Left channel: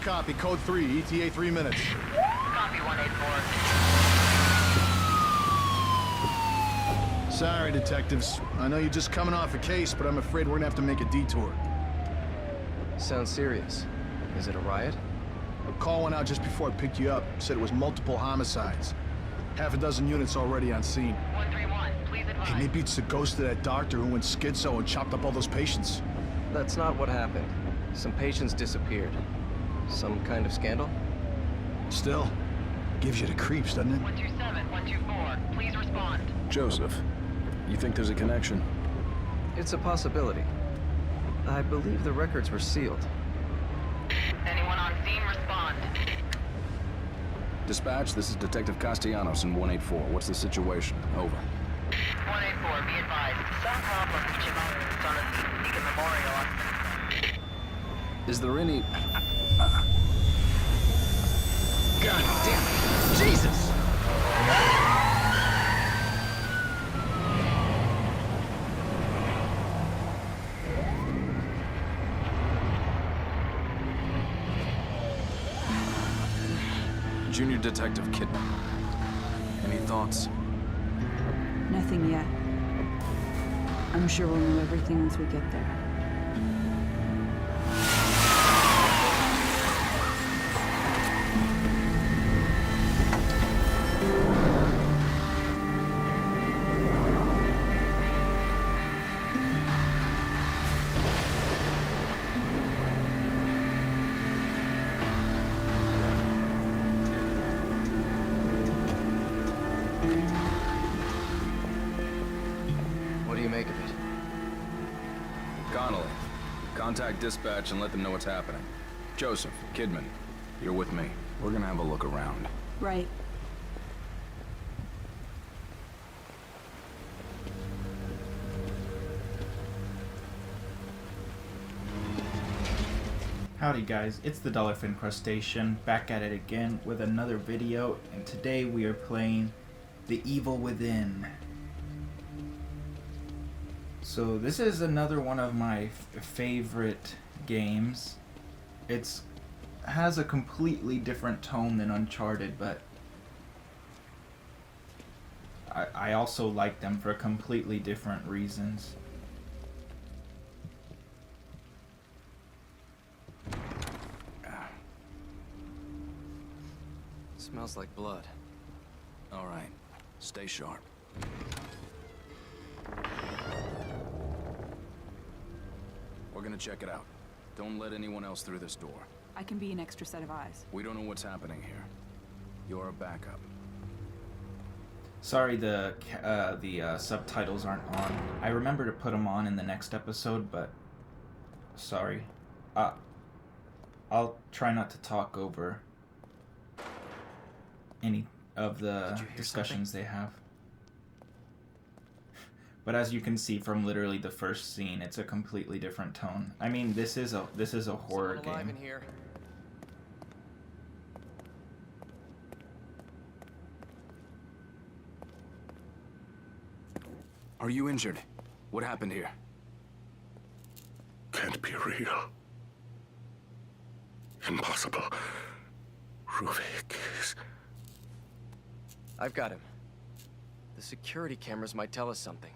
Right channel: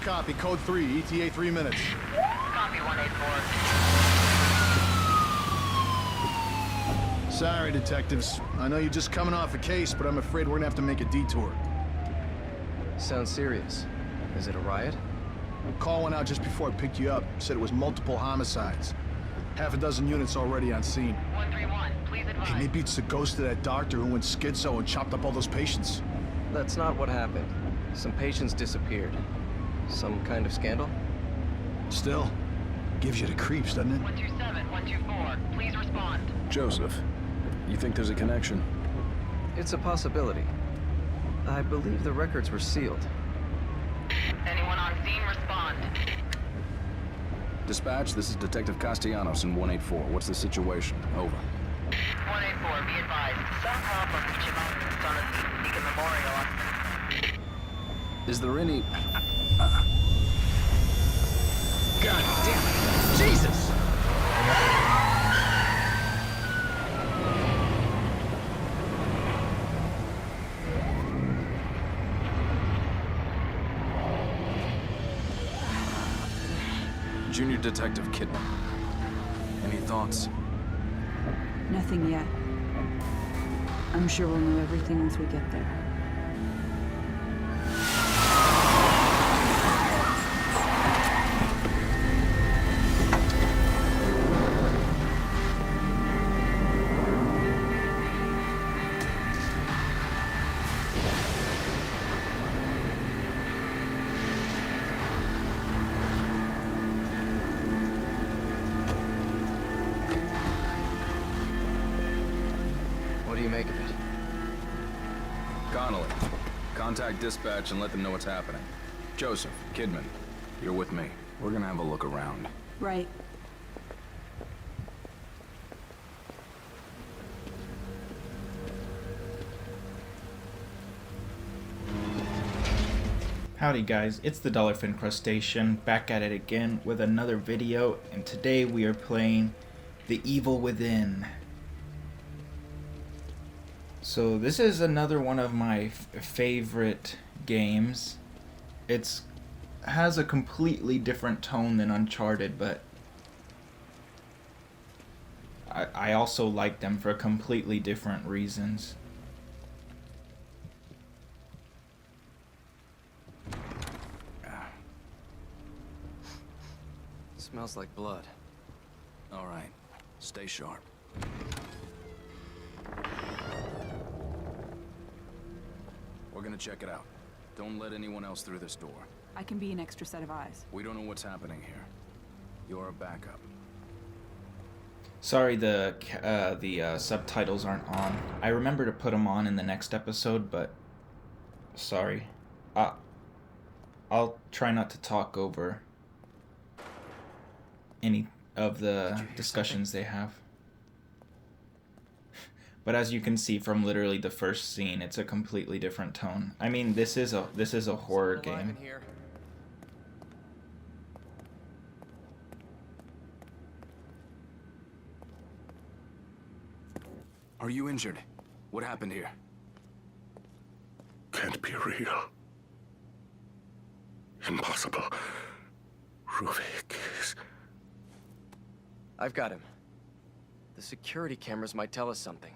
copy. Code 3, ETA 3 minutes. Copy 184. Sorry, detectives. I know you're just coming off a case, but I'm afraid we're gonna have to make a detour. Sounds serious. Is it a riot? A call went out just before I picked you up. Said it was multiple homicides. Half a dozen units already on scene. 131, please advise. Hey, maybe it's the ghost of that doctor who went schizo and chopped up all those patients. That's not what happened. Some patients disappeared. Some kind of scandal? Still, gives you the creeps, doesn't it? 127, 124, please respond. Joseph, you think there's a connection? It's a possibility. I believe the records were sealed. Anyone on scene, respond. Dispatch, this is Detective Castellanos in 184. What's the situation? Over. 184, be advised. Some problem with Chimane's on a Beacon Memorial on... Is there any... God damn it! Jesus! Junior Detective Kidman. Any thoughts? Nothing yet. I'm sure we'll know everything once we get there. What do you make of it? Connolly, contact dispatch and let them know what's happening. Joseph, Kidman, you're with me. We're gonna have a look around. Right. Howdy guys, it's the Dallerfin'd crustacean, back at it again with another video, and today we are playing The Evil Within. So this is another one of my favorite games. It has a completely different tone than Uncharted, but I also like them for completely different reasons. Smells like blood. All right, stay sharp. We're gonna check it out. Don't let anyone else through this door. I can be an extra set of eyes. We don't know what's happening here. You're a backup. Sorry the subtitles aren't on. I remember to put them on in the next episode, but sorry. I'll try not to talk over any of the discussions they have. But as you can see from literally the first scene, it's a completely different tone. I mean, this is a horror Someone alive game. in here. Are you injured? What happened here? Can't be real. Impossible. Ruvik is... I've got him. The security cameras might tell us something.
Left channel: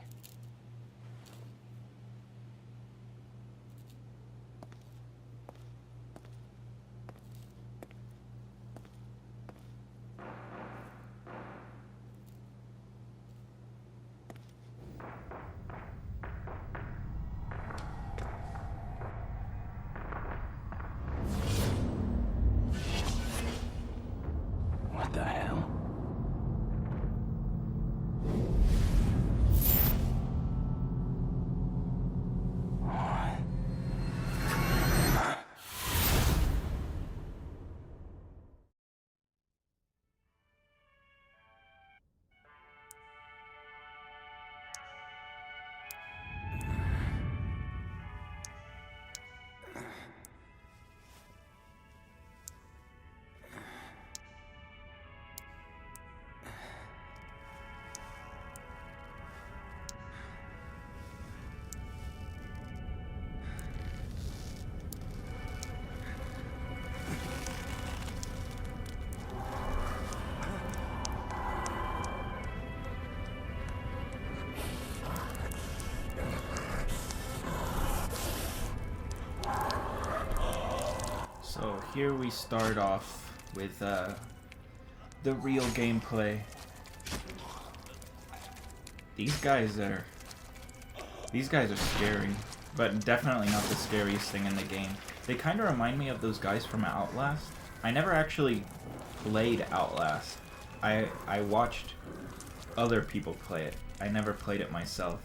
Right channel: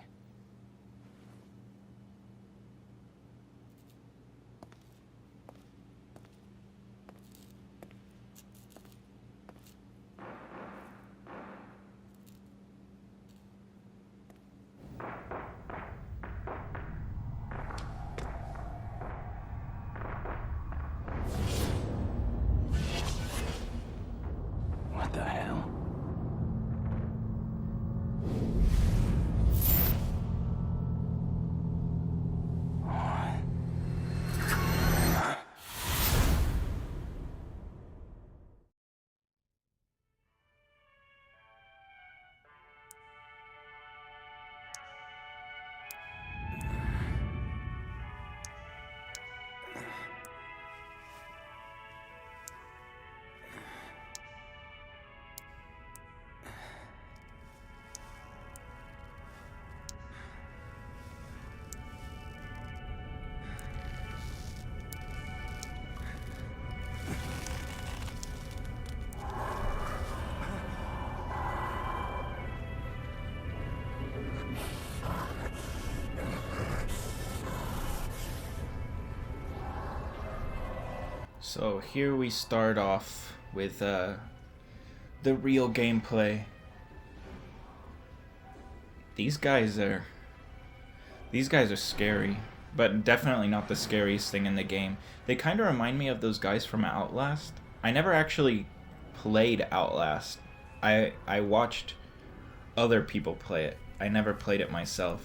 What the hell? So here we start off with the real gameplay. These guys are scary, but definitely not the scariest thing in the game. They kind of remind me of those guys from Outlast. I never actually played Outlast. I watched other people play it. I never played it myself.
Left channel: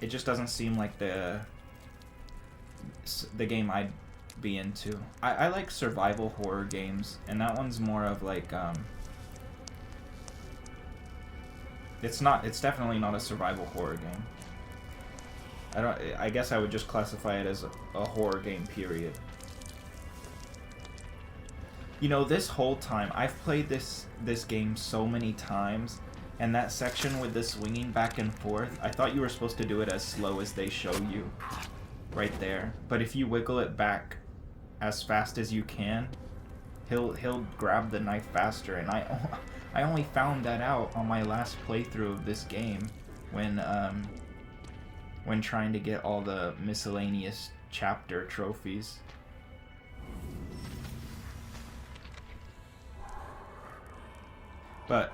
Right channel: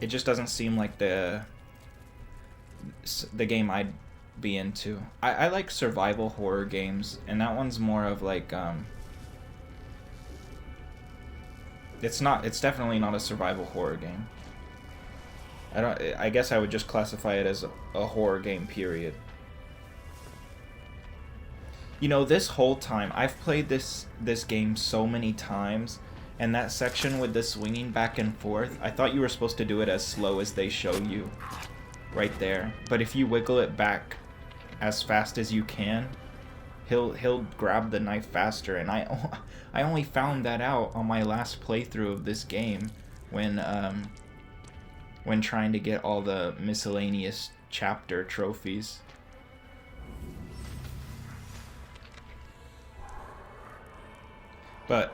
It just doesn't seem like the game I'd be into. I like survival horror games, and that one's more of like it's definitely not a survival horror game. I guess I would just classify it as a horror game, period. You know, this whole time I've played this game so many times, and that section with the swinging back and forth, I thought you were supposed to do it as slow as they show you right there. But if you wiggle it back as fast as you can, he'll grab the knife faster. And I only found that out on my last playthrough of this game when trying to get all the miscellaneous chapter trophies. But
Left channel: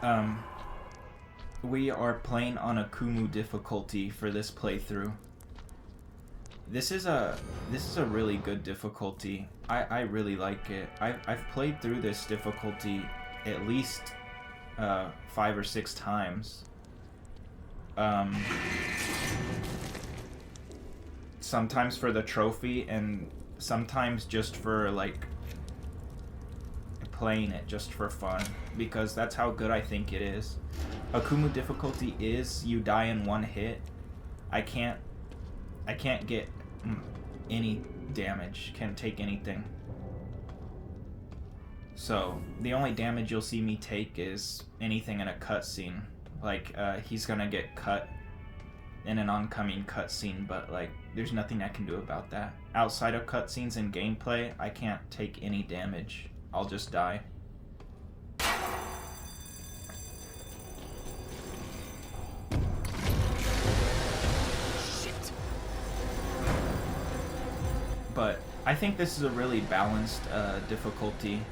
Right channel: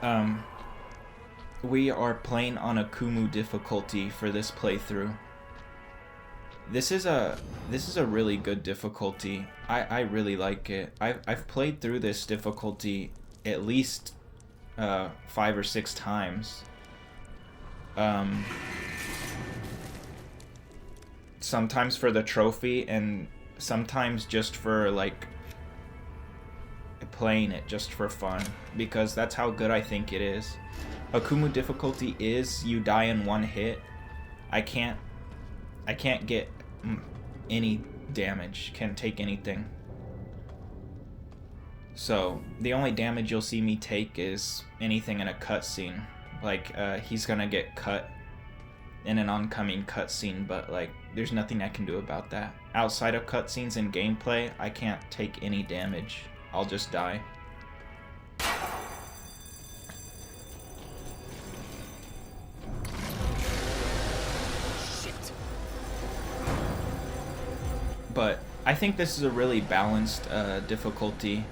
we are playing on Akumu difficulty for this playthrough. This is a really good difficulty. I really like it. I've played through this difficulty at least 5 or 6 times. Sometimes for the trophy, and sometimes just for like playing it just for fun, because that's how good I think it is. Akumu difficulty is you die in one hit. I can't get any damage, can't take anything. So the only damage you'll see me take is anything in a cutscene. Like he's gonna get cut in an oncoming cutscene, but like there's nothing I can do about that. Outside of cutscenes and gameplay, I can't take any damage. I'll just die. Shit. But I think this is a really balanced difficulty.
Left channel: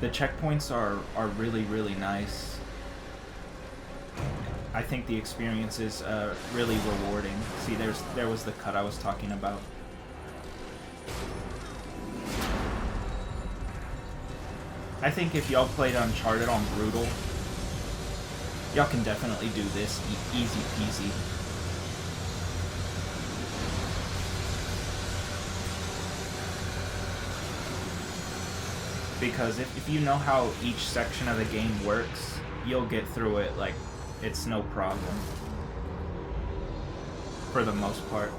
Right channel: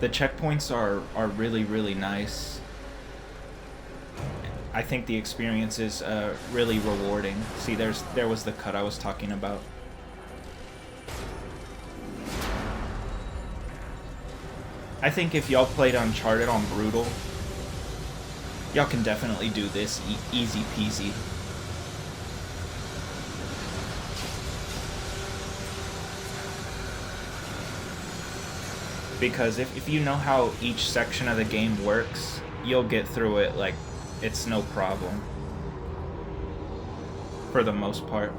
The checkpoints are really, really nice. I think the experience is really rewarding. See, there was the cut I was talking about. I think if y'all played Uncharted on Brutal, y'all can definitely do this easy peasy. Because if you know how each section of the game works, you'll get through it like it's no problem. For the most part.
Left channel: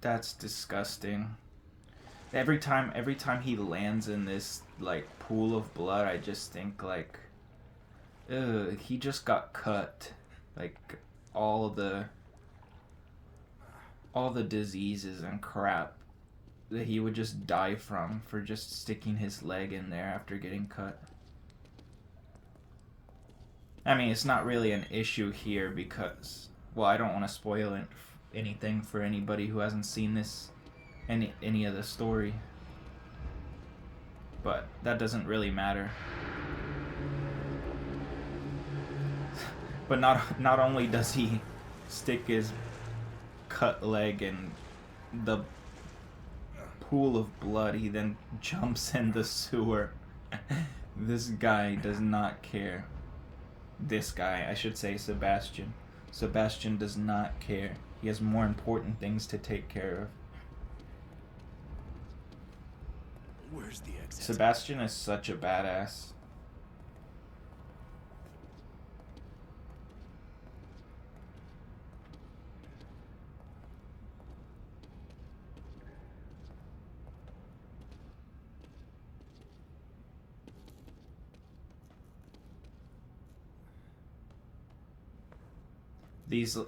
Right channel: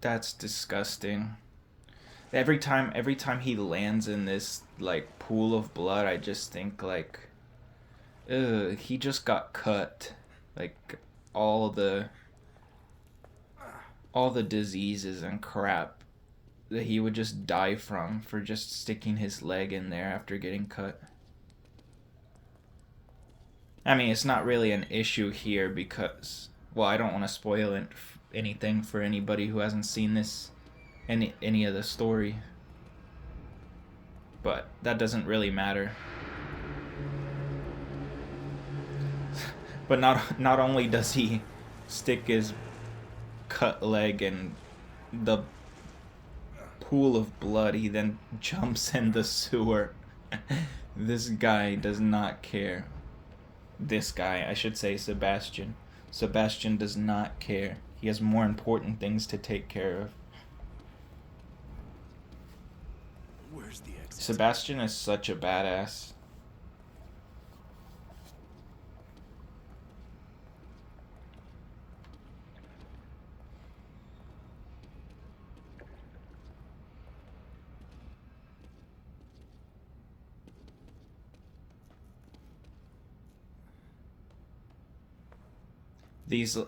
That's disgusting. Every time he lands in this like pool of blood, I just think like, ugh, he just got cut. Like all the diseases and crap that he would just die from for just sticking his leg in there after getting cut. I mean, it's not really an issue here because, well, I don't want to spoil anything for anybody who hasn't seen this, any of the story. But that doesn't really matter. But not only does he stick his cut leg in the pool of blood, he then jumps in the sewer. This guy does not care. This guy, I should say Sebastian. Sebastian does not care. He has more important things to take care of. Where's the exit? Sebastian is such a badass.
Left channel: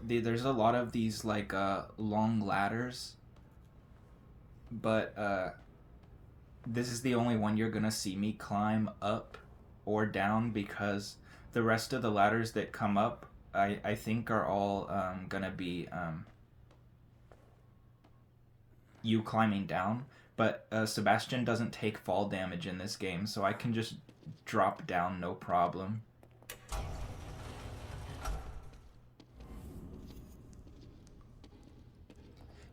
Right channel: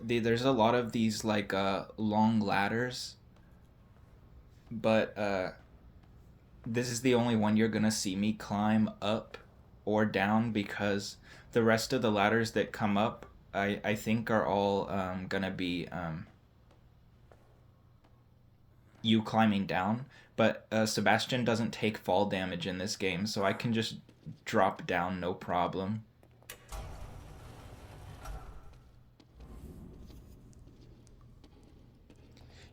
There's a lot of these like long ladders, but this is the only one you're gonna see me climb up or down, because the rest of the ladders that come up, I think are all gonna be you climbing down. But Sebastian doesn't take fall damage in this game, so I can just drop down no problem.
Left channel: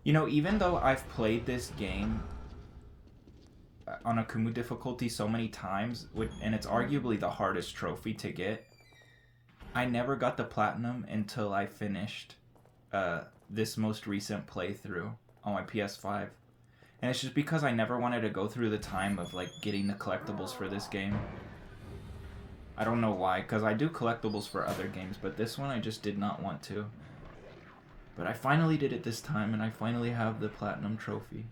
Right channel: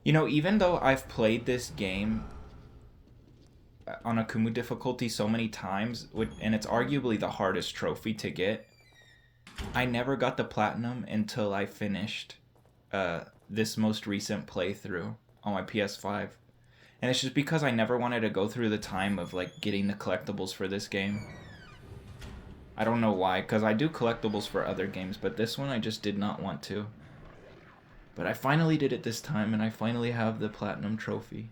You know, even though I've played this game on Akumu difficulty so many times, and it's arguably the hardest trophy to get, I never got the platinum until I finished this most recent playthrough on my PS5. And it's just because I never wanted to go through the time of like getting the collectibles for this game. I don't know why, because I do collectibles for other games, but this one I just did not want to. But I finally did it this time, and I finally have the platinum trophy.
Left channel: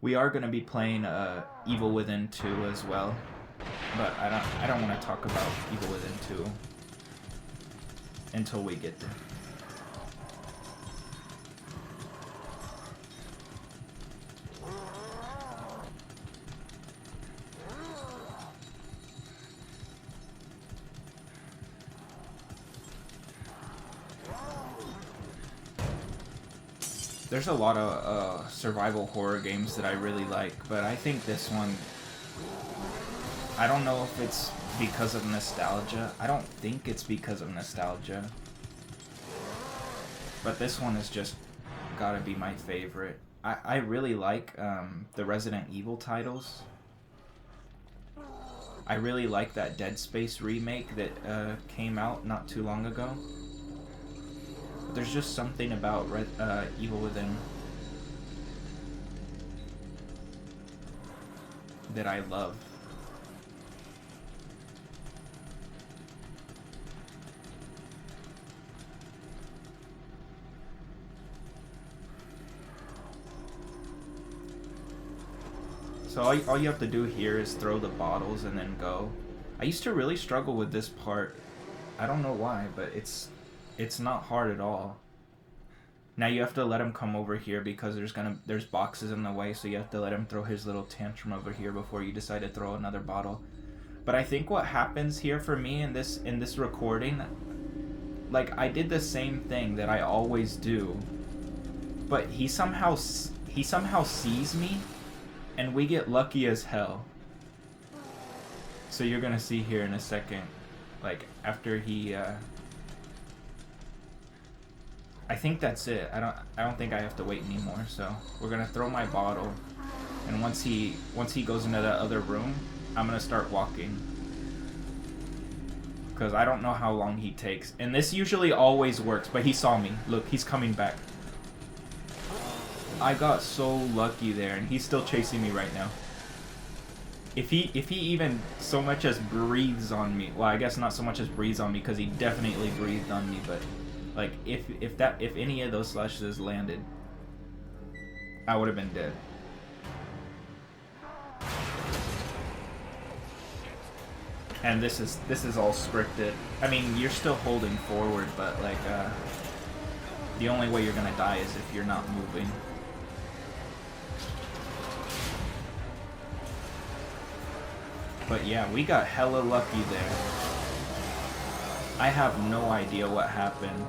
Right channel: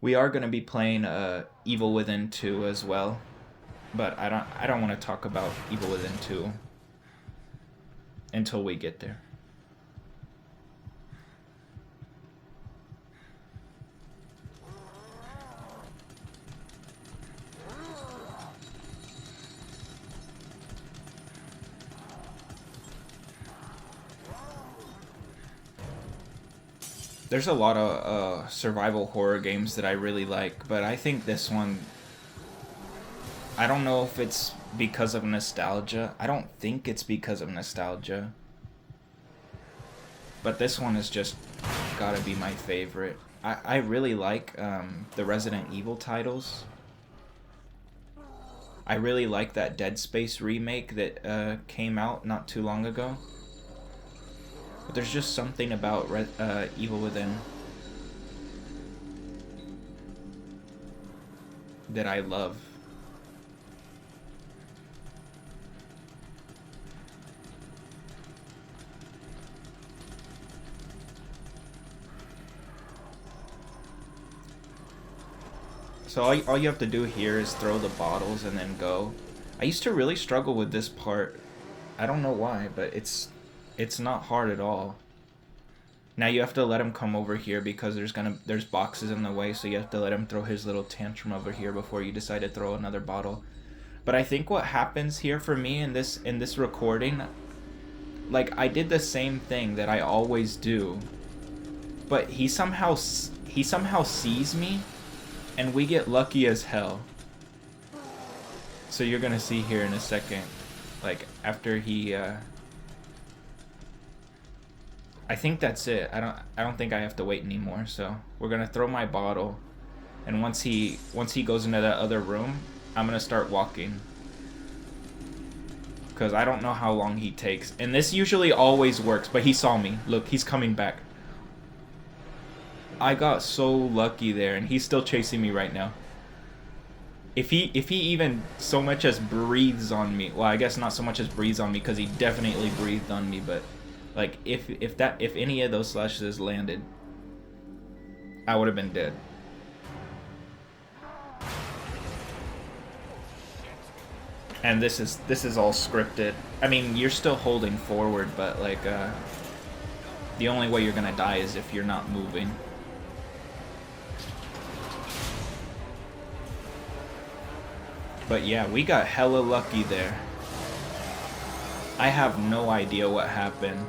We are going to be playing Evil Within 2 as well, but I don't want to talk about Evil Within 2 until we get there. There's a lot of survival horror games that I really like, but I think this one, I don't know if it's because of nostalgia. I don't think it's because of nostalgia. But this one is just gotta be my favorite. I really like the Resident Evil titles. I really like that Dead Space remake that came out not too long ago. But there's just something about Evil Within that I love. So all you have to do here is throw the bottles and then go. I used to really struggle with this part. I don't know why, but it's not hard at all. Now you have to let him come over here because there's boxes in the way, so you have to let him throw his little tantrum over here before you decide to throw another bottle. But I think what happens here for me in this recording, like I did the same thing that I always do, but he somehow sees me, and we get lucky as hell. So you're gonna see here in a second, like after he. I think that's it. I don't think I have to wait anymore. So we're gonna throw my bottle, and once he goes into that other room, I'm gonna start walking. Because I don't know how long he takes, and this usually always works. But he saw me. Look, he's coming back. I got so lucky there, and he's still chasing me right now. If he even so much as breathes on me, well, I guess not so much as breathes on me, because he definitely breathed on me, but. Like, if any of those slashes landed, I would have been dead. And this is all scripted. I mean, you're still holding forward, but like, the only way you're gonna die is if you're not moving. But yeah, we got hella lucky there. I have no idea what happened.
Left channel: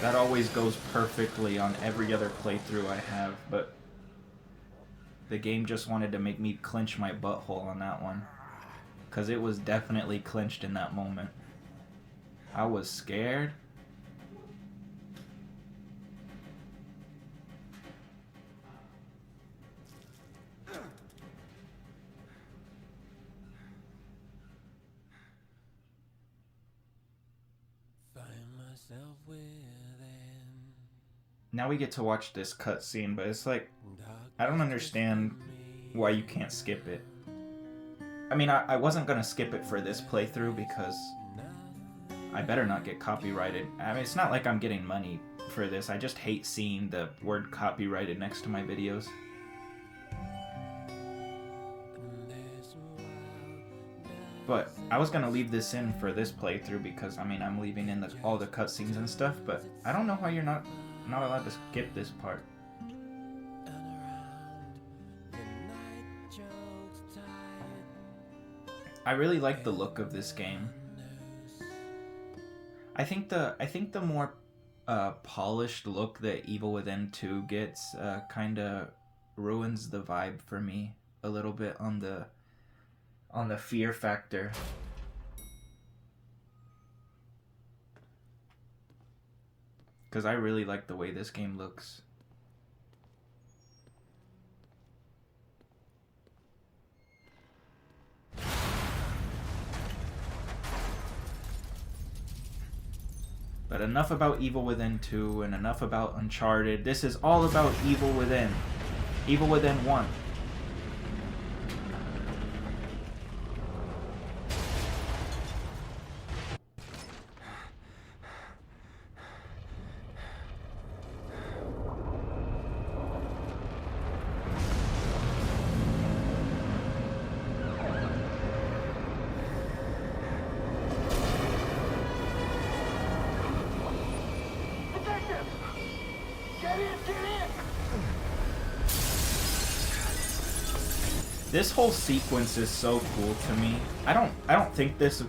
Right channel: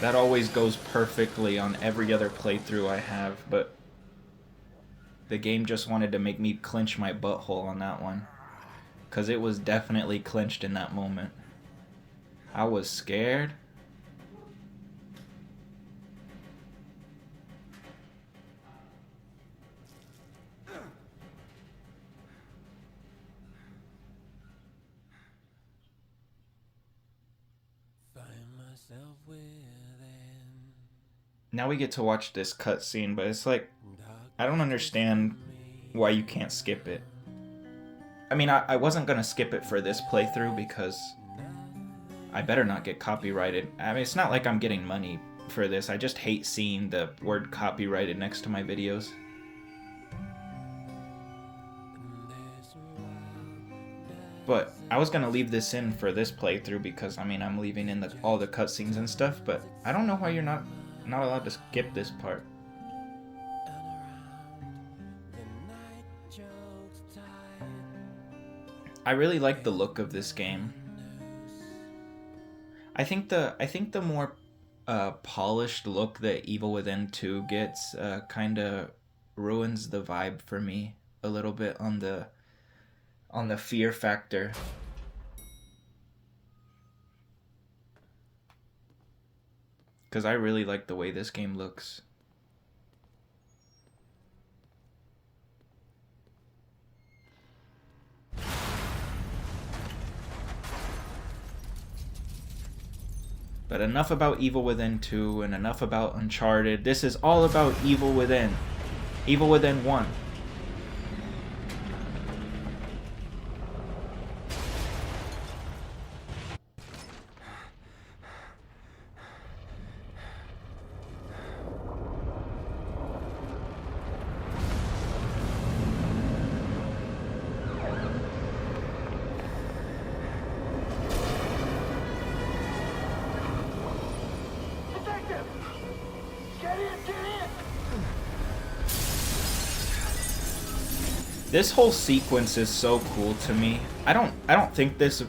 That always goes perfectly on every other playthrough I have, but the game just wanted to make me clench my butthole on that one. Because it was definitely clenched in that moment. I was scared. Now we get to watch this cutscene, but it's like, I don't understand why you can't skip it. I mean, I wasn't gonna skip it for this playthrough because I better not get copyrighted. I mean, it's not like I'm getting money for this. I just hate seeing the word copyrighted next to my videos. But I was gonna leave this in for this playthrough because, I mean, I'm leaving in all the cutscenes and stuff, but I don't know why you're not allowed to skip this part. I really like the look of this game. I think the more polished look that Evil Within 2 gets kind of ruins the vibe for me a little bit on the fear factor. Because I really like the way this game looks. But enough about Evil Within 2 and enough about Uncharted. This is all about Evil Within. Evil Within 1. This whole sequence is so cool to me. I don't think this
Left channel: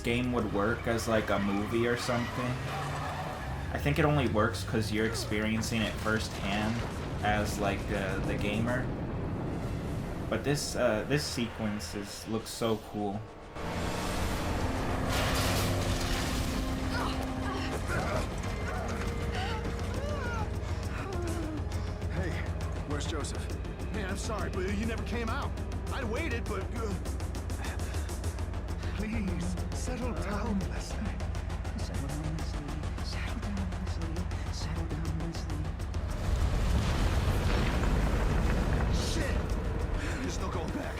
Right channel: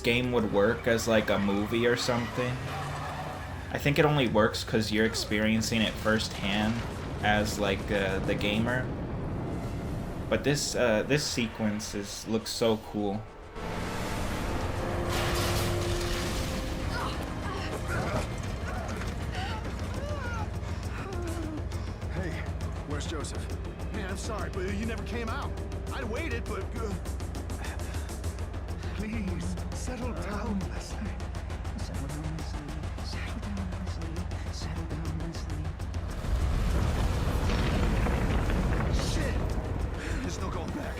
game would work as like a movie or something. I think it only works because you're experiencing it firsthand as like the gamer. But this sequence looks so cool. Hey, where's Joseph? Man, I'm sorry, but you never came out. I'd waited, but... Please, settle down, Leslie. Settle down, Leslie. Settle down, Leslie. Settle down, Leslie. Shit! There's no going back.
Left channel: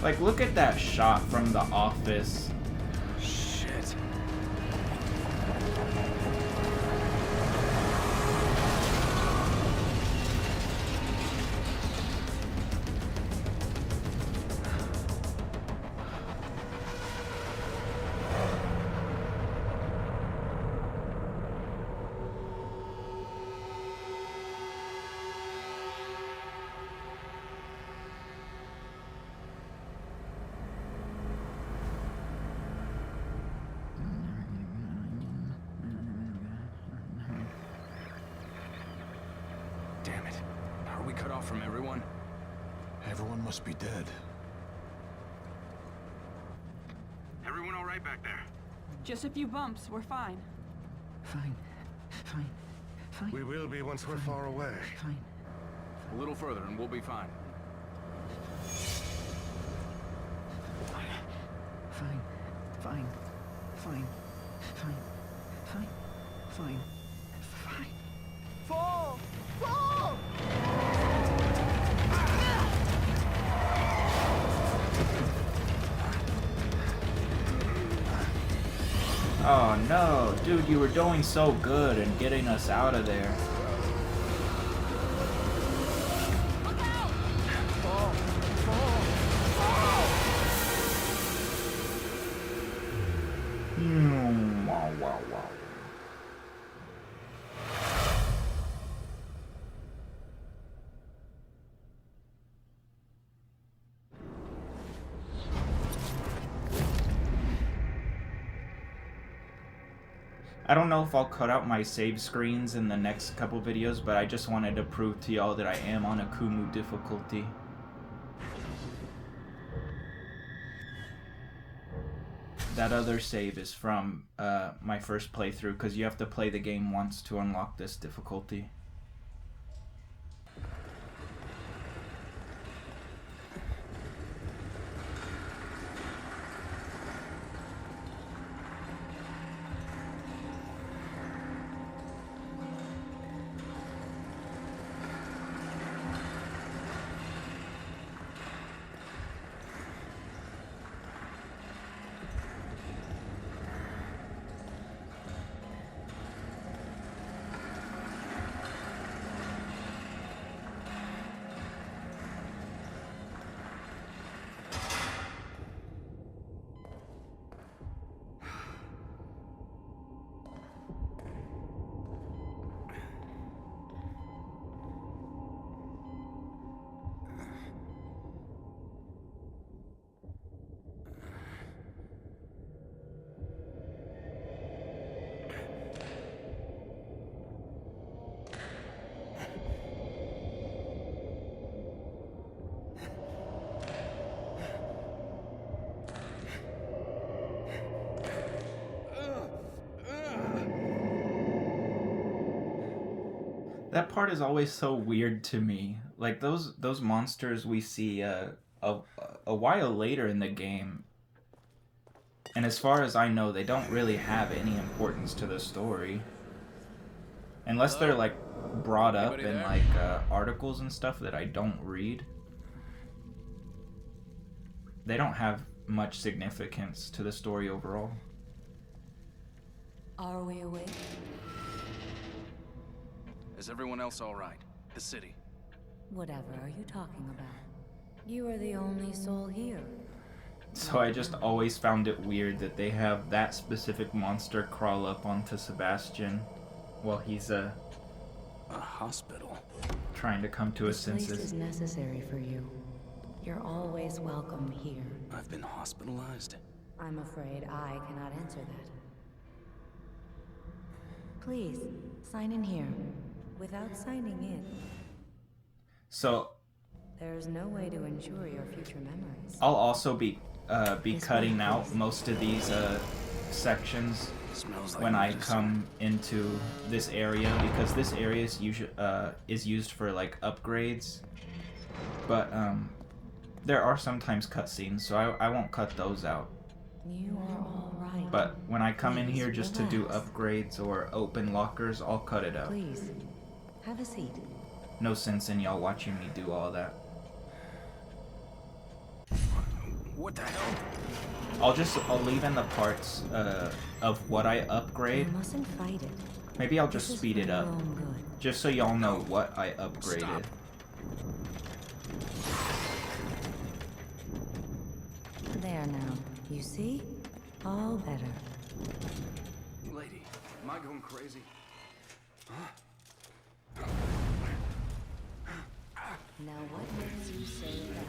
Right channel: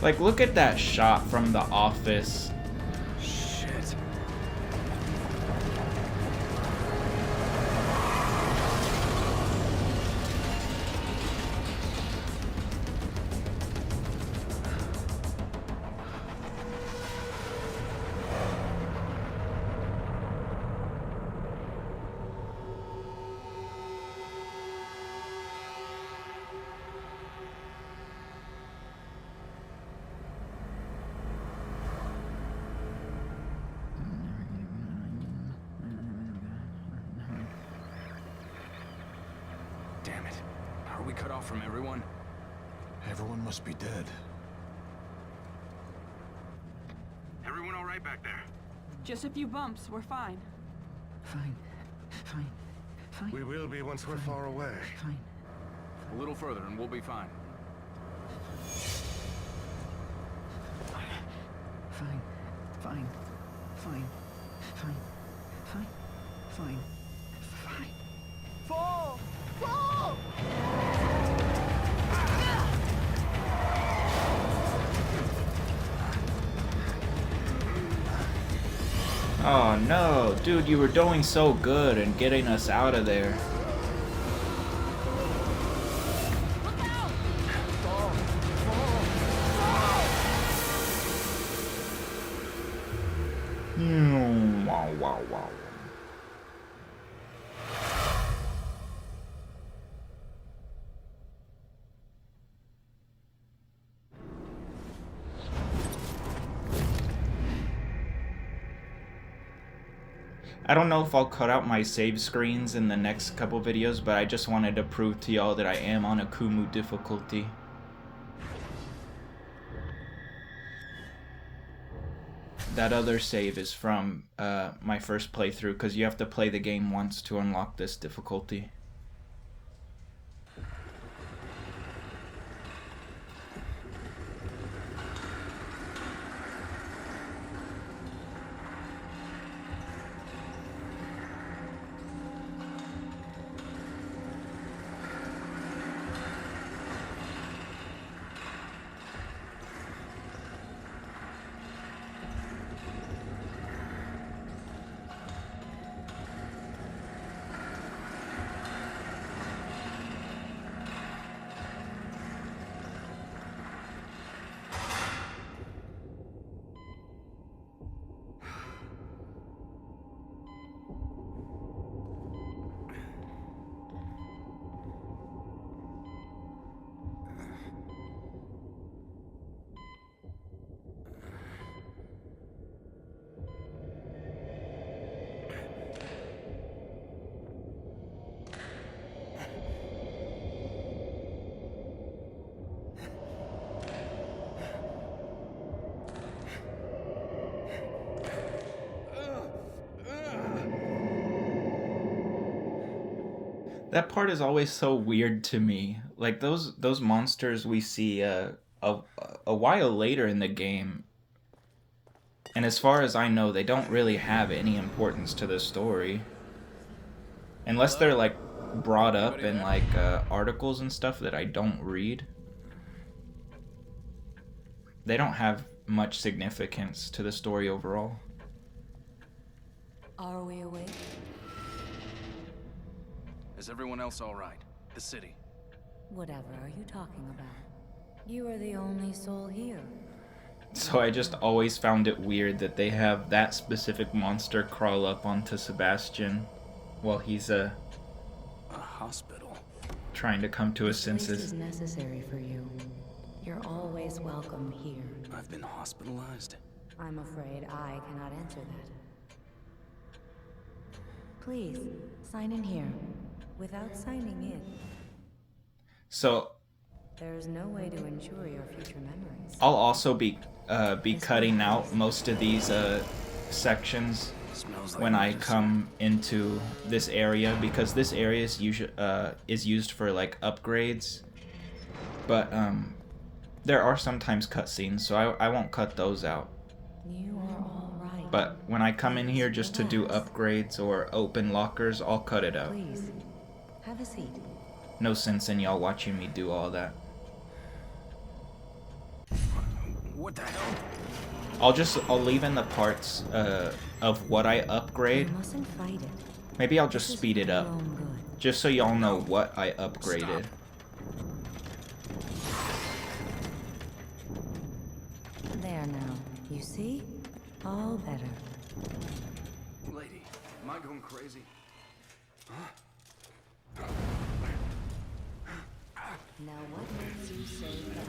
Like, look at that shot from The Office. Shit. Damn it. Are we cut off from everyone? Everyone must be dead. Everyone all right back there? Just a few bumps. We're fine. Fine. Fine. Fine. We will be once we're far away. Fine. A little further and we'll be fine. Fine. Fine. Fine. Fine. Fine. Fine. Fine. Fall! Fall! Oh no, dude, you were doing so good and getting us out of there. Look out! Fall! Fall! Wow, wow, wow. I don't know if I'll cut out my save screens in the next couple videos, but I just wanted to prove to y'all that I am on Akumu difficulty. That other save is from my first playthrough, because you have to play the game once to unlock this difficulty. That part is always so weird to me. Like those monsters we see a while later in the game, and as far as I know, they don't really have any importance to the story, unless they're like brought up Anybody in there? like articles and stuff that I don't read. They don't have much significance to the story overall. Are we awake? Is everyone else all right? The city. Whatever are you talking about? You are the only soul here. So I just always found it weird that they have that specific monster crawl up onto Sebastian while he's A hospital. trying to come to his This place is senses. necessary for you. You're always welcome here. I've been hospitalized. I'm afraid I cannot answer that. Please, sign in here. Without signing in, So there's no way to ensure your future memories. I'll also be This cutting one, out please. most of these sections Smells like when I medicine. come into this area, because this area is used for like upgrades, but there are sometimes cutscenes, so I won't cut those out. You are all right. But when I come in Please here just to do relax. upgrades or open lockers, I'll cut it out. Please, have a seat. No sense in y'all watching me do all that. What the hell? I'll leave in the parts of what I You upgrade. mustn't fight it. Maybe I'll This just is speed for it your up, own good. just so y'all know what I upgraded. Stop. There now. You see? All better. Lady, am I going crazy? Now what makes you say that?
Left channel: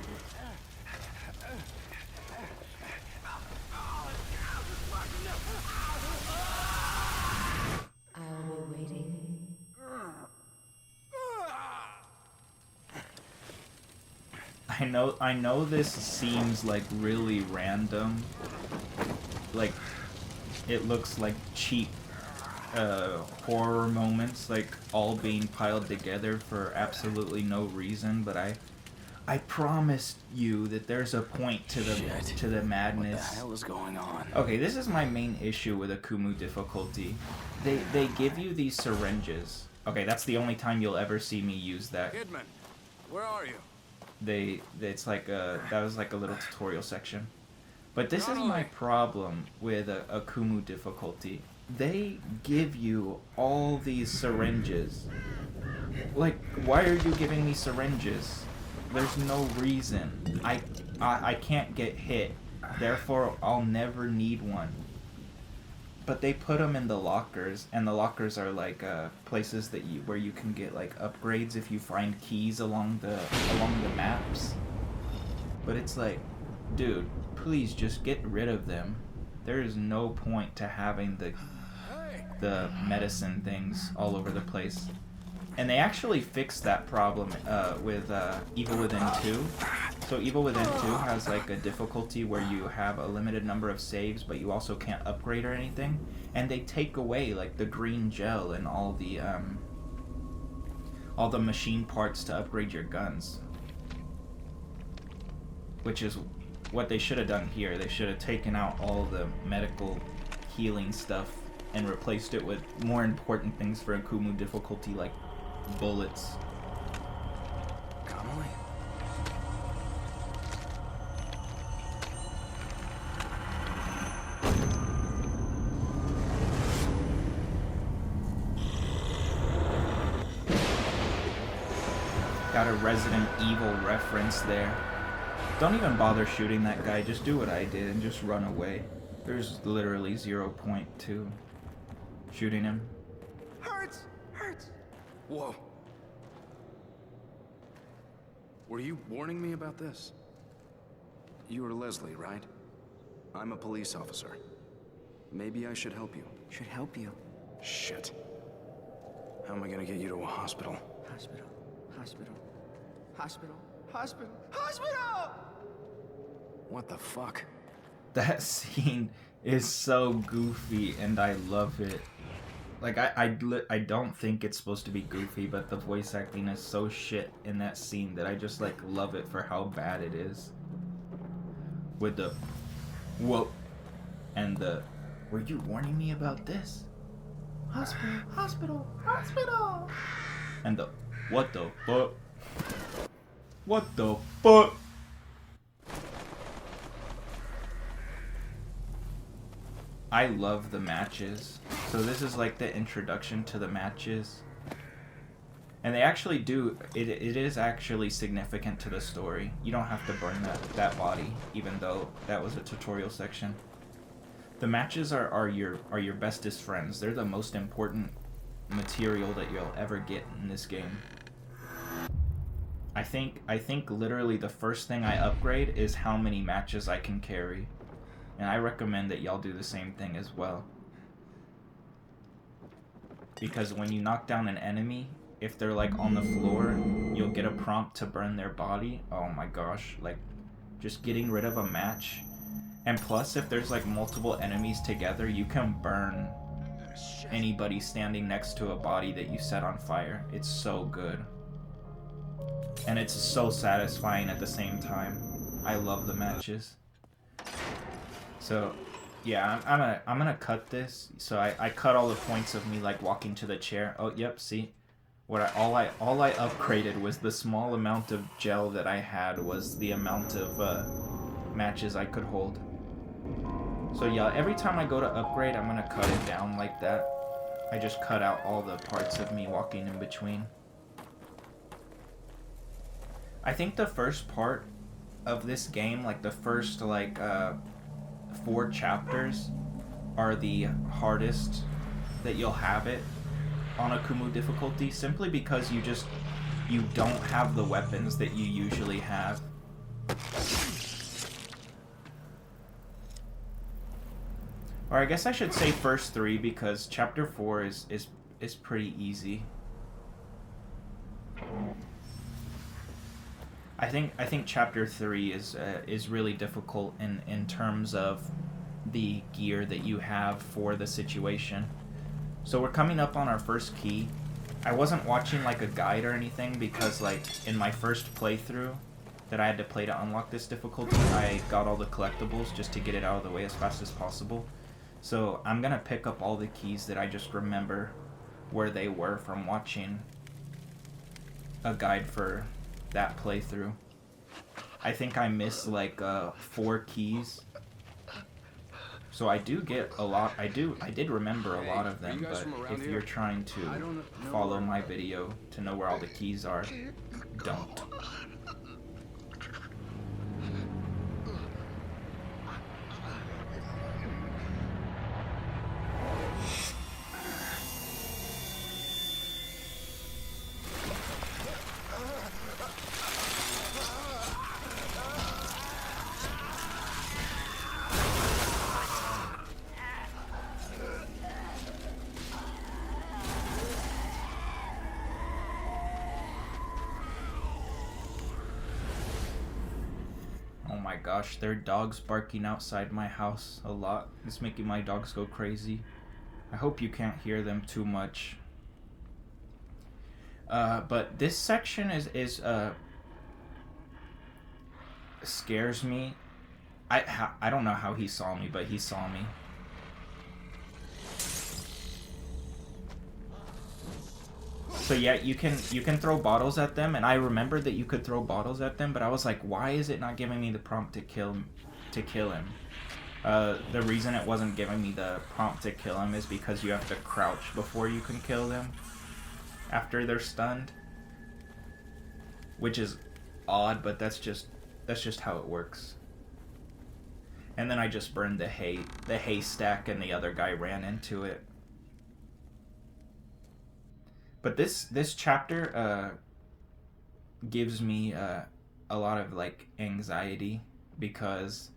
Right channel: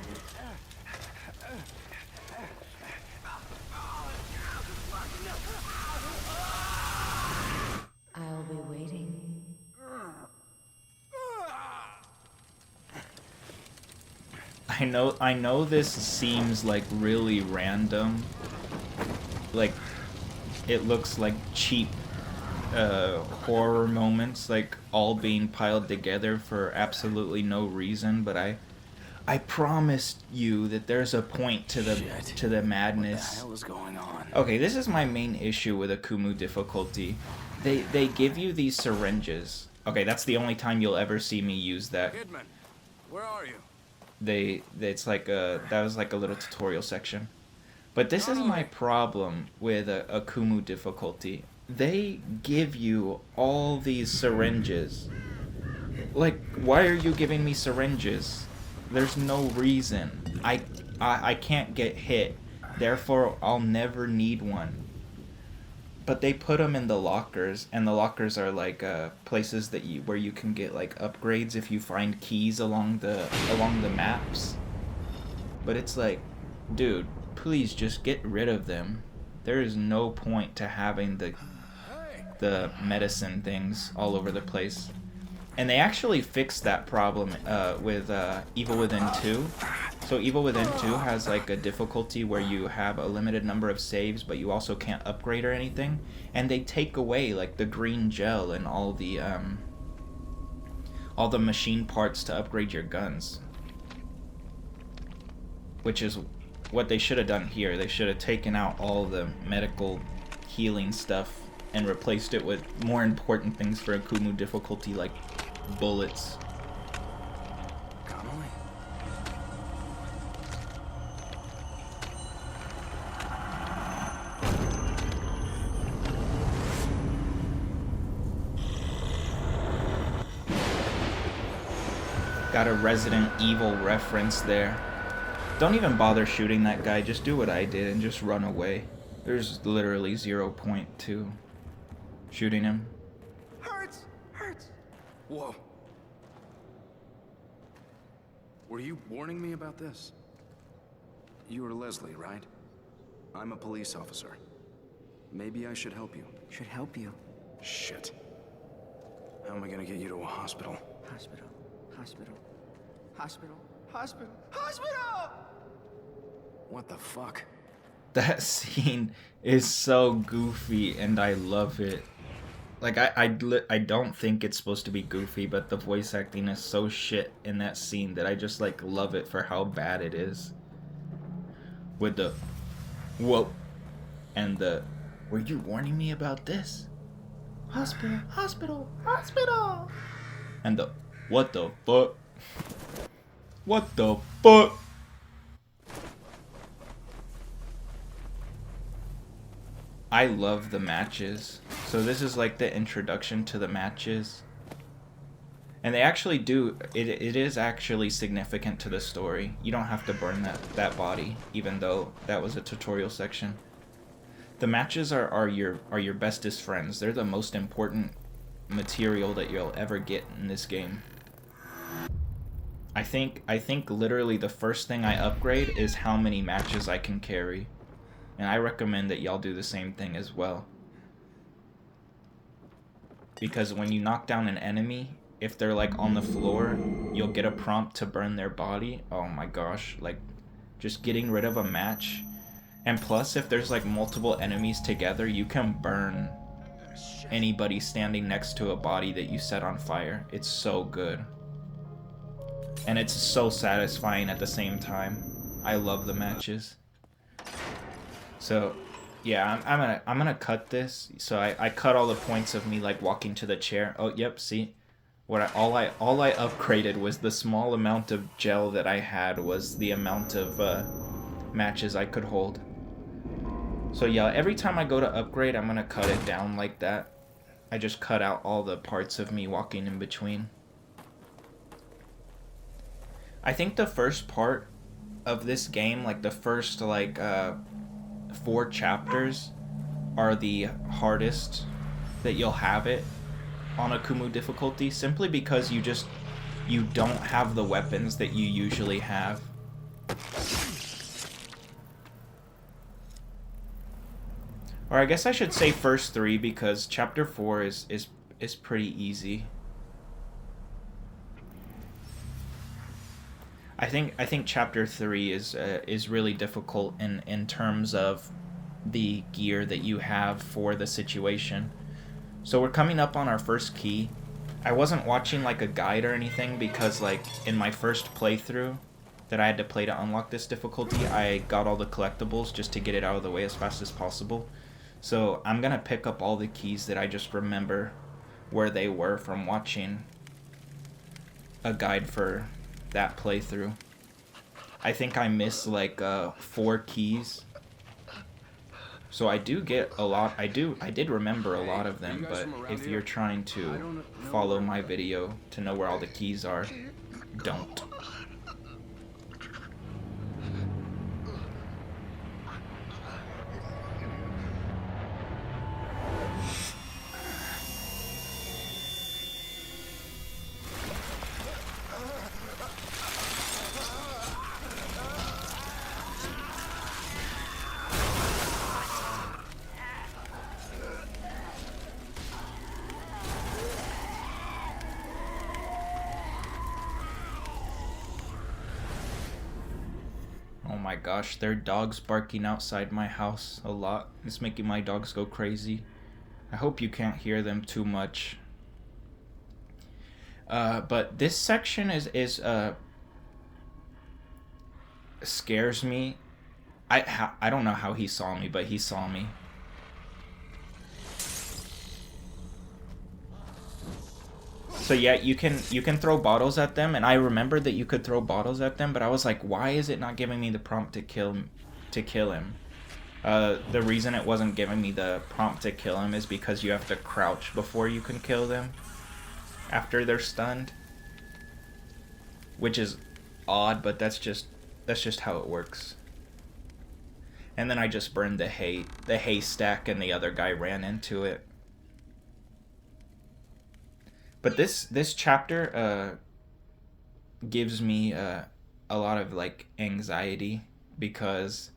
I'll be waiting. I know this seems like really random. Like it looks like cheap horror moments, like all being piled together for absolutely no reason, but I promised you that there's a point to the Shit. to the What the madness. hell is going on? Okay, this is my main issue with Akumu difficulty. They give you these syringes. Okay, that's the only time you'll ever see me use that. Kidman, where are you? It's like that was like a little tutorial section. But this is my Totally. problem with Akumu difficulty. They give you all these syringes. Like, why are you giving me syringes? There's no reason. I can't get hit. Therefore, I'll never need one. But they put them in the lockers, and the lockers are like places that where you can get like upgrades if you find keys along the maps. But it's like, dude, please just get rid of them. There is no point to having the medicine things all over the place. And they actually fixed that problem with Evil Within 2. So Evil Within 2 has like a difficulty where you have a limited number of saves, but you also can't upgrade or anything. And they take away like the green gel and all the machine parts to upgrade your guns. Which is what they should have done here. They should have taken out all the medical healing stuff and replaced it with more important things for Akumu difficulty, like bullets. Connolly? Got a Resident Evil reference there. Don't even bother shooting that guy, just do what I did and just run away. There's literally 0 point to shooting him. Hurts! Whoa. Were you warning me about this? You are Leslie, right? I'm a police officer. Maybe I should help you. Should help you. Shit. How am I gonna get you to a hospital? Hospital. Hospital. What the fuck? That scene is so goofy and I love it. Like, I don't think it's supposed to be goofy, but the voice acting is so shit in that scene that I just, like, love it for how bad it is. With the, whoa, and the, were you warning me about this? Hospital, hospital, hospital! And the, what the fuck? What the fuck? I love the matches. So this is like the introduction to the matches. And they actually do, it is actually significant to the story. You don't have to burn that body, even though that was a tutorial section. The matches are your bestest friends. They're the most important material that you'll ever get in this game. I think literally the first thing I upgrade is how many matches I can carry. And I recommend that y'all do the same thing as well. Because when you knock down an enemy, if they're like on the floor, you'll get a prompt to burn their body. Oh my gosh, like just getting rid of a match. And plus, if there's like multiple enemies together, you can burn anybody standing next to a body that you set on fire. It's so good. And it's so satisfying at the same time. I love the matches. So, yeah, I'm gonna cut this. So I cut all the points of me like walking to the chair. Oh, yep. See, all I upgraded was the small amount of gel that I had was the amount of matches I could hold. So yeah, every time I go to upgrade, I'm gonna cut it down like that. I just cut out all the parts of me walking in between. I think the first part of this game, like the first like 4 chapters, are the hardest that you'll have it on Akumu difficulty, simply because you don't have the weapons that you usually have. Or I guess I should say first 3, because chapter 4 is pretty easy. I think chapter 3 is really difficult in terms of the gear that you have for the situation. So we're coming up on our first key. I wasn't watching like a guide or anything because like in my first playthrough that I had to play to unlock this difficulty, I got all the collectibles just to get it out of the way as fast as possible. So I'm gonna pick up all the keys that I just remember where they were from watching a guide for that playthrough. I think I missed like 4 keys. So I do get a lot. I did remember a lot of them, but if you're trying to follow my video to know where all the keys are, don't. My gosh, there are dogs barking outside my house a lot. It's making my dogs go crazy. I hope you can't hear them too much. But this section is scares me. I don't know how he saw me, but he saw me. So yeah, you can throw bottles at them, and I remember that you could throw bottles at them, but I was like, why is it not giving me the prompt to kill him? The reason it wasn't giving me the prompt to kill him is because you have to crouch before you can kill them after they're stunned, which is odd, but that's just how it works. And then I just burned the haystack, and the other guy ran into it. But this chapter gives me a lot of like anxiety because,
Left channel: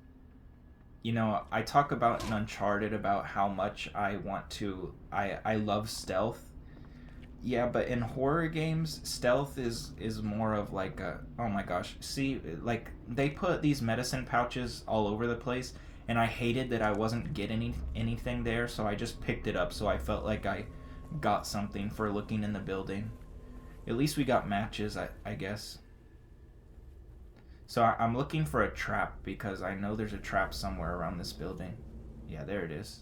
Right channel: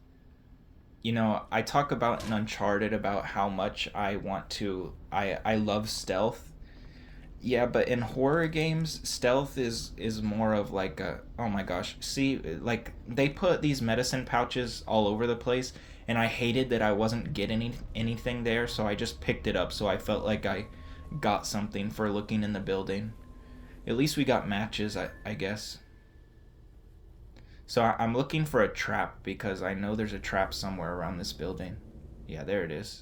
you know, I talk about in Uncharted about how much I love stealth. Yeah, but in horror games, stealth is more of like a, oh my gosh, see, like they put these medicine pouches all over the place, and I hated that I wasn't getting anything there, so I just picked it up, so I felt like got something for looking in the building. At least we got matches, I guess. So I'm looking for a trap because I know there's a trap somewhere around this building. Yeah, there it is.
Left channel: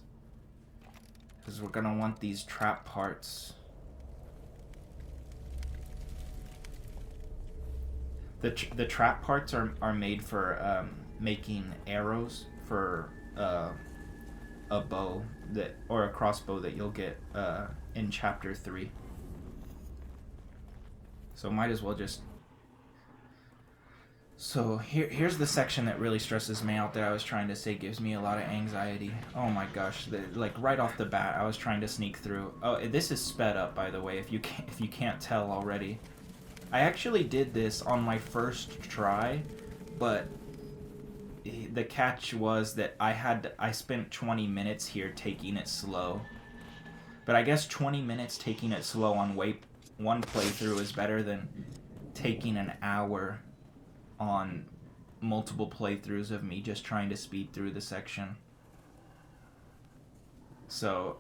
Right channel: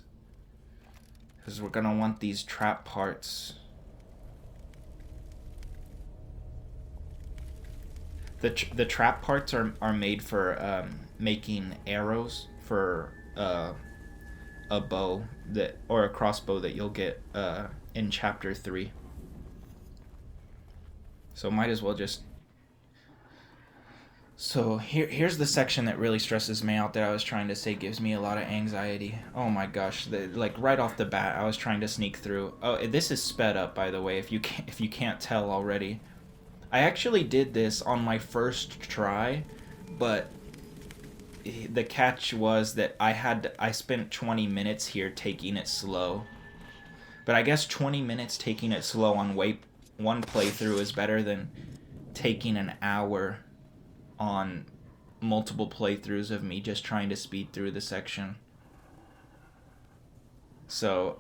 Because we're gonna want these trap parts. The trap parts are made for making arrows for a bow that, or a crossbow that you'll get in chapter 3. So might as well just. So here's the section that really stresses me out that I was trying to say gives me a lot of anxiety. Oh my gosh, like right off the bat, I was trying to sneak through. Oh, this is sped up, by the way, if you can't tell already. I actually did this on my first try, but the catch was that I spent 20 minutes here taking it slow. But I guess 20 minutes taking it slow on one playthrough is better than taking an hour on multiple playthroughs of me just trying to speed through the section. So,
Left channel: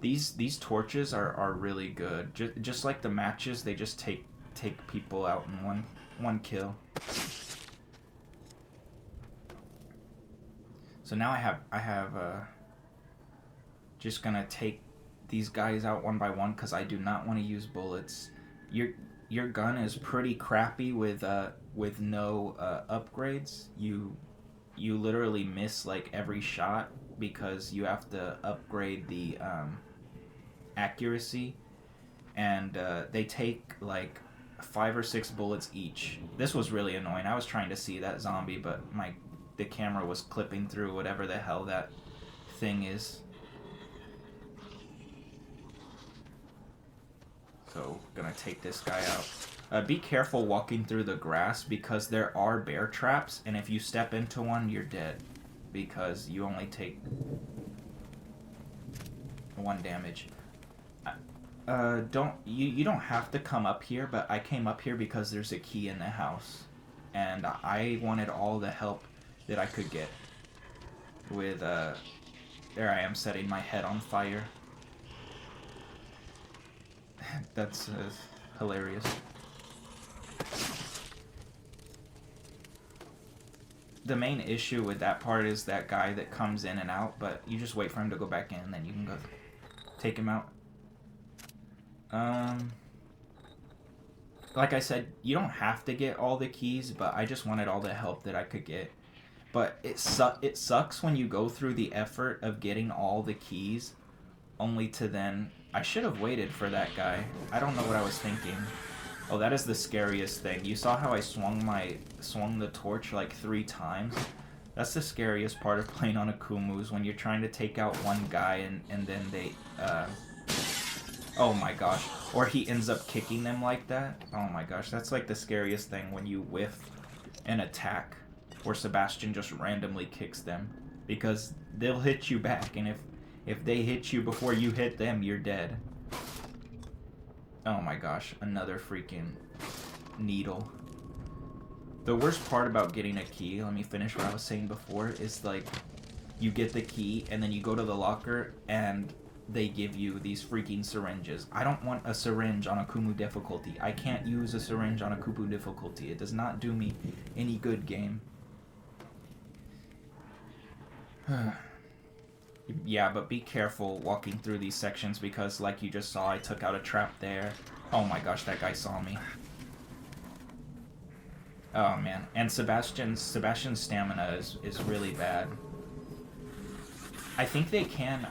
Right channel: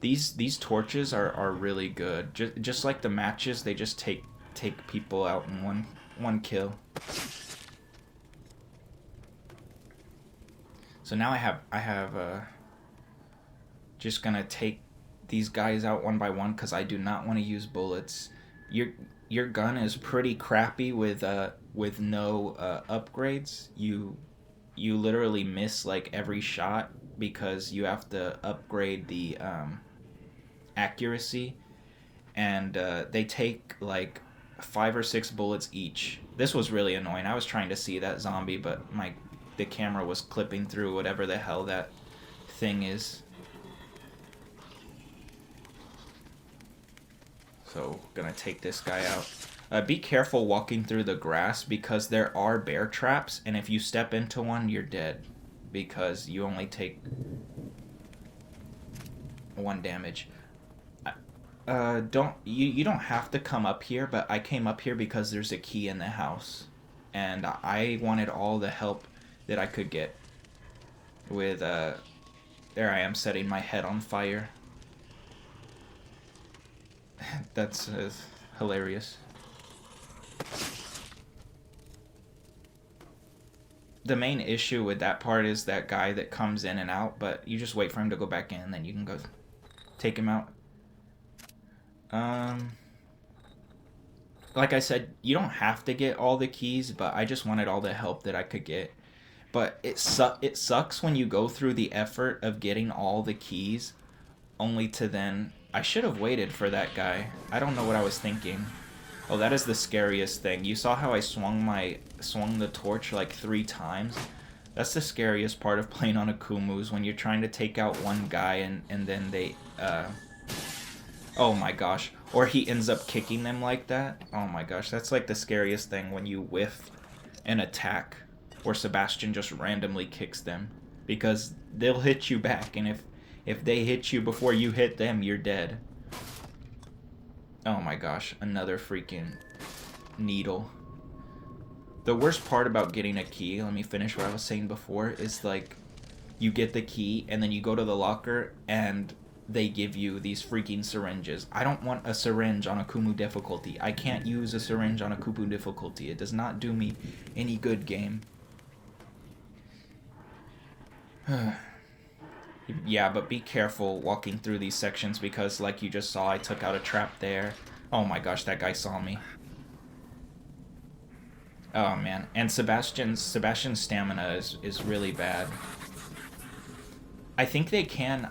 these torches are really good. Just like the matches, they just take people out in one kill. So now I have just gonna take these guys out one by one because I do not want to use bullets. Your gun is pretty crappy with no upgrades. You literally miss like every shot because you have to upgrade the accuracy, and they take like 5 or 6 bullets each. This was really annoying. I was trying to see that zombie, but the camera was clipping through whatever the hell that thing is. So, gonna take this guy out. Be careful walking through the grass because there are bear traps, and if you step into one, you're dead. Because you only take 1 damage. You don't have to come up here, but I came up here because there's a key in the house. And I wanted all the help that I could get with, there I am setting my head on fire. That's hilarious. The main issue with that part is that guy that comes in and out, but you just wait for him to go back in and then you can go take him out. Like I said, you don't have to get all the keys, but I just wanted all the help that I could get. But it sucks when you go through the effort of getting all the keys only to then... I should have waited for that guy. I don't know what I was thinking. Oh, that is the scariest thing. You saw how I swung the torch like 3 times? That's the scariest part of playing on Akumu, when you're trying to take out one guy and then they... Oh my gosh. Or he ends up kicking them like that. Oh my gosh, that's like the scariest thing when you whiff an attack. Or Sebastian just randomly kicks them. Because they'll hit you back, and if they hit you before you hit them, you're dead. Oh my gosh, another freaking needle. The worst part about getting a key, let me finish what I was saying before, is like, you get the key, and then you go to the locker, and they give you these freaking syringes. I don't want a syringe on Akumu difficulty. I can't use a syringe on Akumu difficulty. It does not do me any good, game. Yeah, but be careful walking through these sections because, like you just saw, I took out a trap there. Oh my gosh, that guy saw me. Oh man, and Sebastian's stamina is really bad. I think they can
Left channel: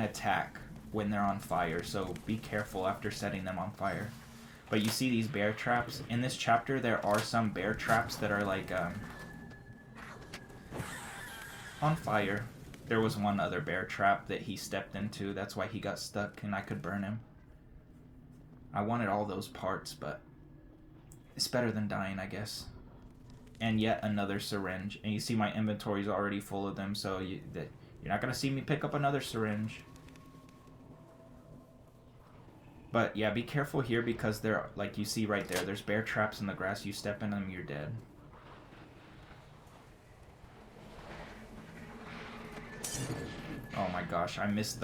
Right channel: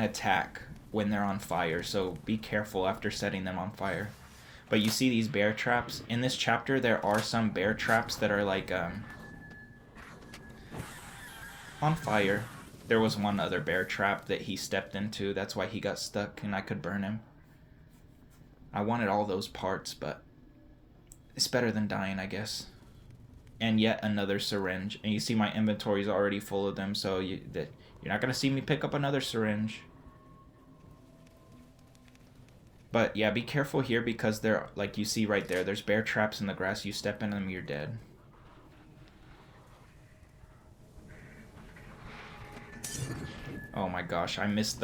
attack when they're on fire, so be careful after setting them on fire. But you see these bear traps? In this chapter, there are some bear traps that are like, on fire. There was one other bear trap that he stepped into, that's why he got stuck and I could burn him. I wanted all those parts, but it's better than dying, I guess. And yet another syringe. And you see my inventory's already full of them, so you're not going to see me pick up another syringe. But yeah, be careful here because there, like you see right there, there's bear traps in the grass. You step in them, you're dead. Oh my gosh, I missed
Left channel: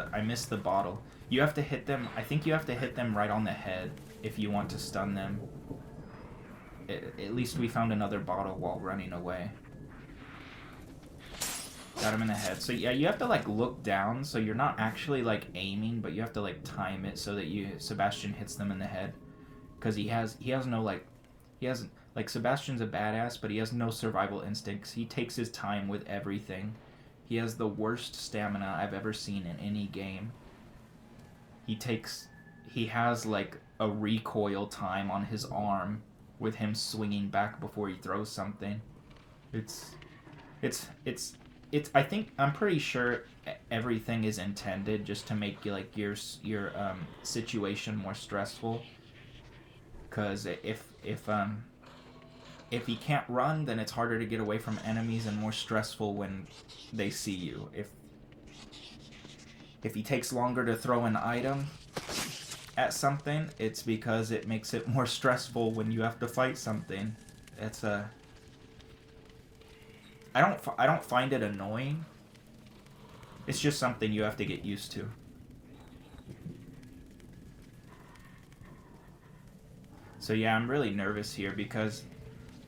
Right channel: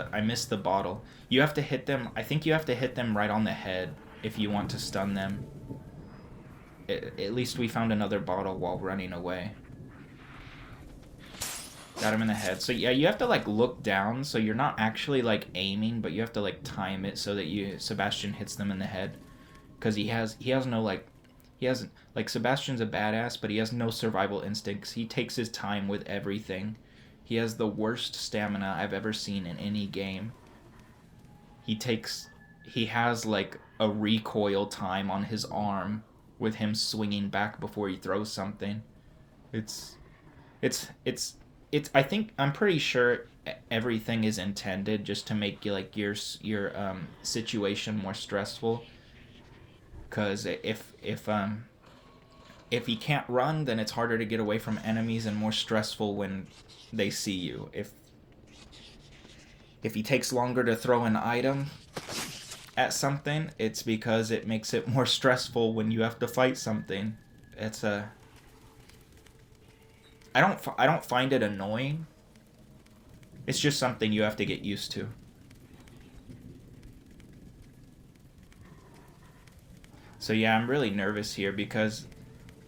the bottle. You have to hit them. I think you have to hit them right on the head if you want to stun them. At least we found another bottle while running away. Got him in the head. So yeah, you have to like look down, so you're not actually like aiming, but you have to like time it so that Sebastian hits them in the head, because he has no like, he hasn't like, Sebastian's a badass, but he has no survival instincts. He takes his time with everything. He has the worst stamina I've ever seen in any game. He has like a recoil time on his arm with him swinging back before he throws something. I'm pretty sure everything is intended just to make you like your situation more stressful. Cause if he can't run, then it's harder to get away from enemies and more stressful when they see you. If he takes longer to throw an item at something, it's because it makes it more stressful when you have to fight something. It's I don't find it annoying. It's just something you have to get used to. So yeah, I'm really nervous here because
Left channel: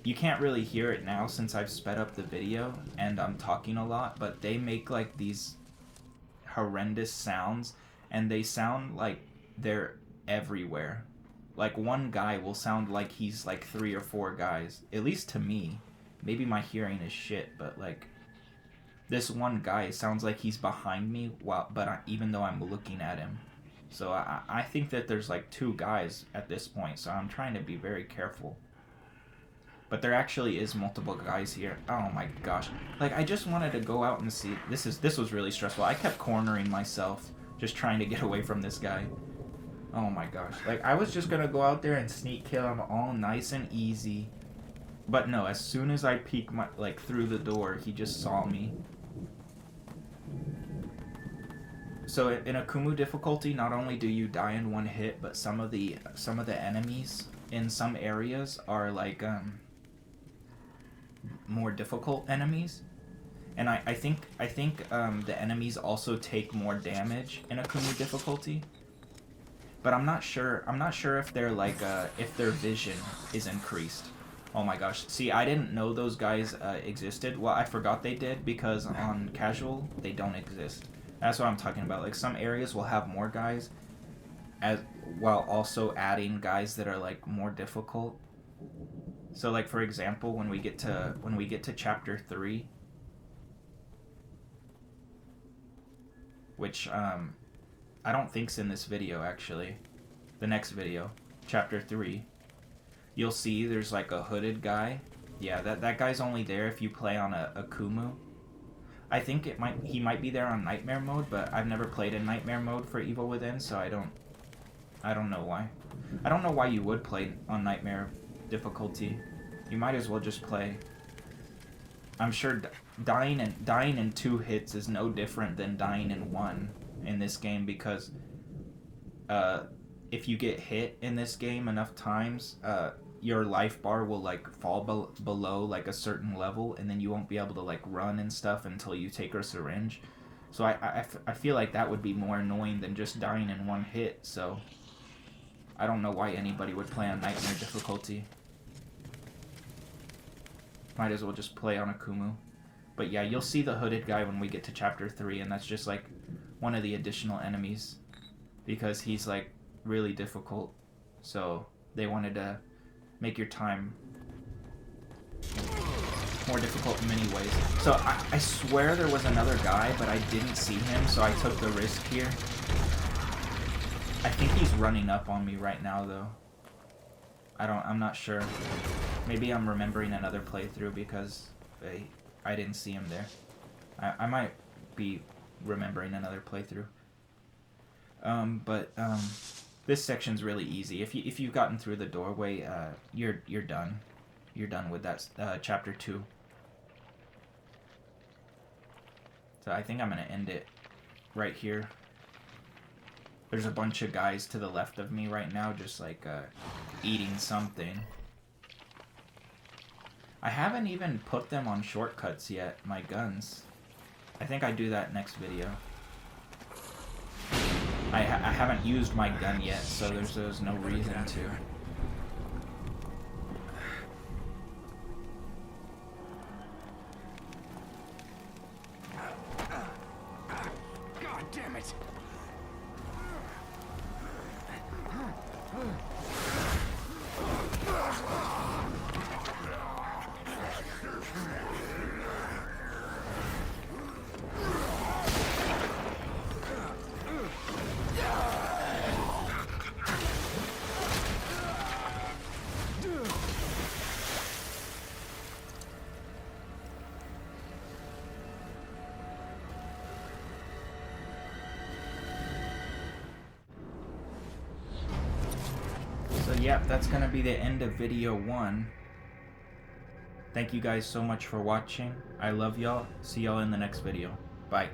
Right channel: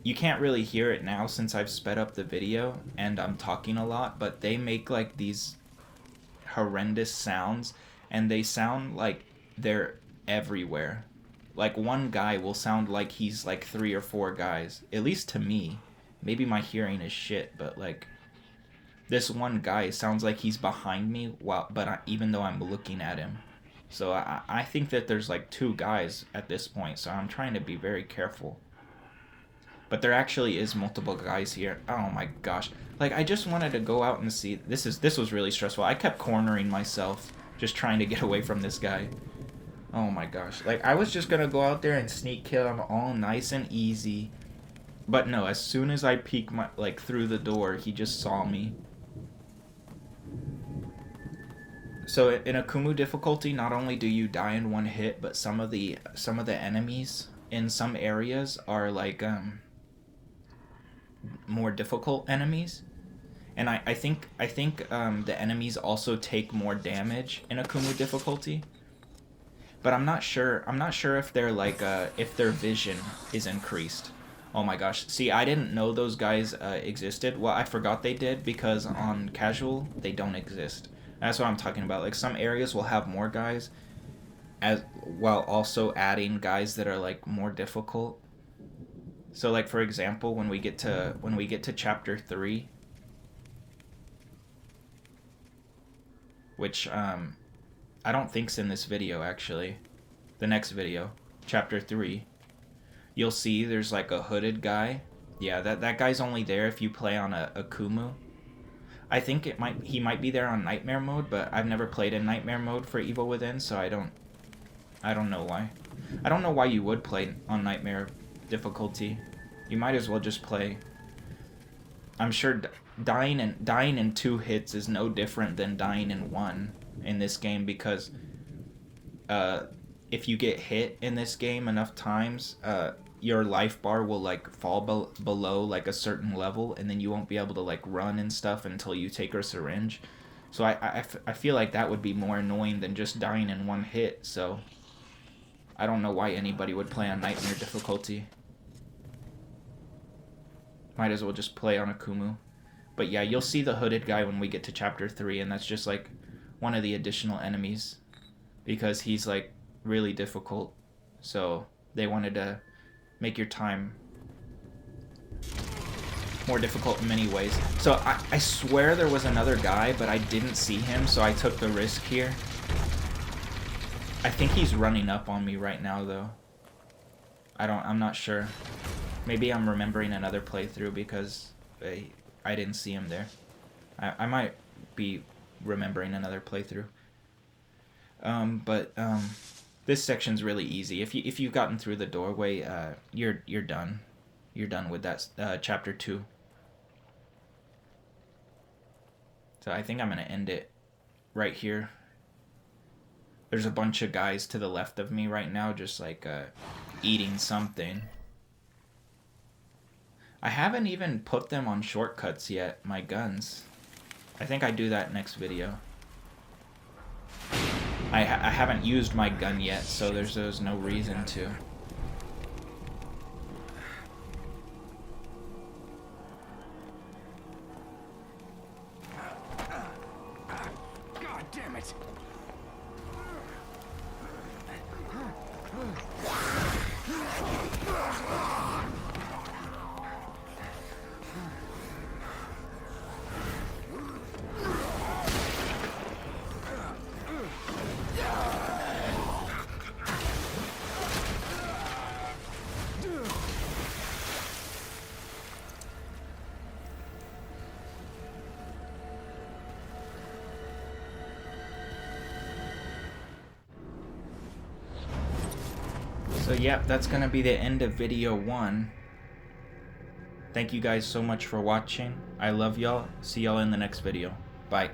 you can't really hear it now since I've sped up the video and I'm talking a lot, but they make like these horrendous sounds, and they sound like they're everywhere. Like one guy will sound like he's like 3 or 4 guys, at least to me. Maybe my hearing is shit, but like this one guy sounds like he's behind me even though I'm looking at him. So I think that there's like 2 guys at this point, so I'm trying to be very careful. But there actually is multiple guys here. Oh my gosh. Like, I just wanted to go out and see. This was really stressful. I kept cornering myself, just trying to get away from this guy. Oh my gosh. Like, I was just gonna go out there and sneak kill him all nice and easy. But no, as soon as I peek through the door, he just saw me. So in Akumu difficulty, not only do you die in one hit, but some of the enemies in some areas are like more difficult enemies, and I think the enemies also take more damage in Akumu difficulty. But I'm not sure if they're like if their vision is increased. Oh my gosh. See, I didn't know those guys existed. Well, I forgot they did because on casual they don't exist. That's what I'm talking about. Like, some areas will have more guys while also adding guys that are like more difficult. So like, for example, when we get to chapter 3, which I don't think's in this video actually. The next video, chapter 3, you'll see there's like a hooded guy. Yeah, that guy's only there if you play on a Akumu. I think he might be there on nightmare mode, but I've never played in nightmare mode for Evil Within, so I don't know why. I don't know why you would play on nightmare difficulty. You might as well just play. I'm sure dying in 2 hits is no different than dying in 1 in this game, because if you get hit in this game enough times, your life bar will like fall below like a certain level, and then you won't be able to like run and stuff until you take a syringe. So I feel like that would be more annoying than just dying in 1 hit. So I don't know why anybody would play on nightmare difficulty. Might as well just play on Akumu. But yeah, you'll see the hooded guy when we get to chapter 3, and that's just like one of the additional enemies, because he's like really difficult. So they wanted to make your time more difficult in many ways. So I swear there was another guy, but I didn't see him, so I took the risk here. I think he's running up on me right now, though. I'm not sure. Maybe I'm remembering another playthrough because I didn't see him there. I might be remembering another playthrough. But this section's really easy. If you've gotten through the doorway, you're done. You're done with that chapter 2. So I think I'm gonna end it right here. There's a bunch of guys to the left of me right now, just like eating something. I haven't even put them on shortcuts yet, my guns. I think I do that next video. I haven't used my gun yet, so there's no reason to. God damn it! So yeah, that's gonna be the end of video 1. Thank you guys so much for watching. I love y'all. See y'all in the next video. Bye.